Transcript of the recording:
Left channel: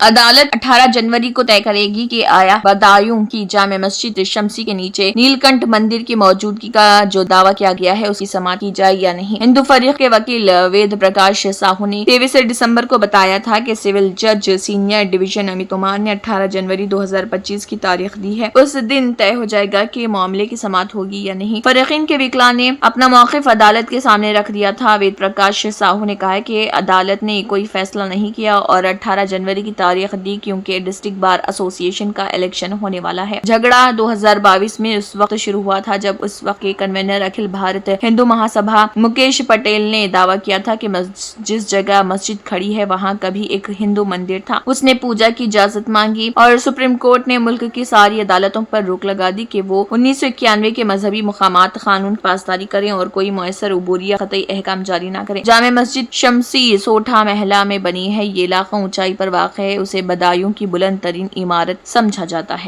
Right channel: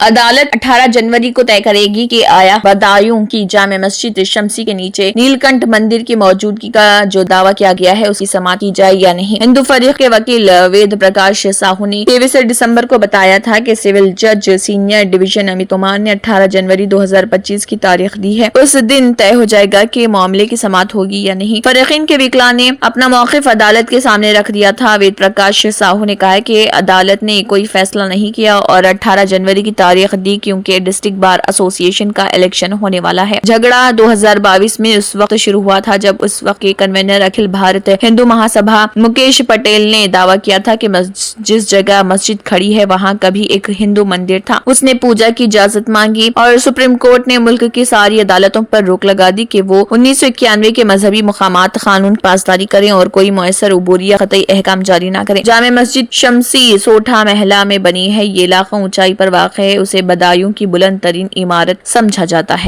عدالت 18 جنوری کو طے کرے گی کہ آیا بدایوں کی جامع مسجد شمسی کے نیچے نیلکنٹھ مندر کی موجودگی کا جو دعویٰ کیا گیا ہے اس کی سماعت کی جائے یا نہیں۔ ہندو فریق کے وکیل وید پرکاش ساہو نے 23 دسمبر کو بتایا تھا کہ سول جج سینئر ڈویژن امیت کمار نے 18 جنوری 2025 کی تاریخ دی ہے، اس دن طے ہو جائے گا کہ معاملے کی سماعت ہوگی یا نہیں۔ فریقین کے وکلاء نے اپنا موقف عدالت کے سامنے رکھ دیا تھا۔ وید پرکاش ساہو نے کہا کہ عدالت نے کوئی فیصلہ نہیں کیا اور 18 جنوری کی تاریخ دی کیونکہ ڈسٹرکٹ بار ایسوسی ایشن کا الیکشن ہونے والا ہے۔ جھگڑا 2022 میں اس وقت شروع ہوا تھا جب اس وقت کے کنوینر اکھل بھارت ہندو مہاسبھا مکیش پٹیل نے دعویٰ کیا تھا کہ جس جگہ مسجد کھڑی ہے وہاں کبھی ایک ہندو مندر تھا۔ اس نے پوجا کی اجازت مانگی اور سپریم کورٹ نے ملک کی ساری عدالتوں پر روک لگا دی کہ وہ 1991 کے مذہبی مقامات قانون پاسداری کریں اور کوئی مؤثر عبوری یا قطعی احکام جاری نہ کریں۔ جامع مسجد شمسی سوٹھا محلہ میں بنی ہے۔ یہ علاقہ اونچائی پر واقع ہے، اسے بدایوں کی بلند ترین عمارت سمجھا جاتا ہے۔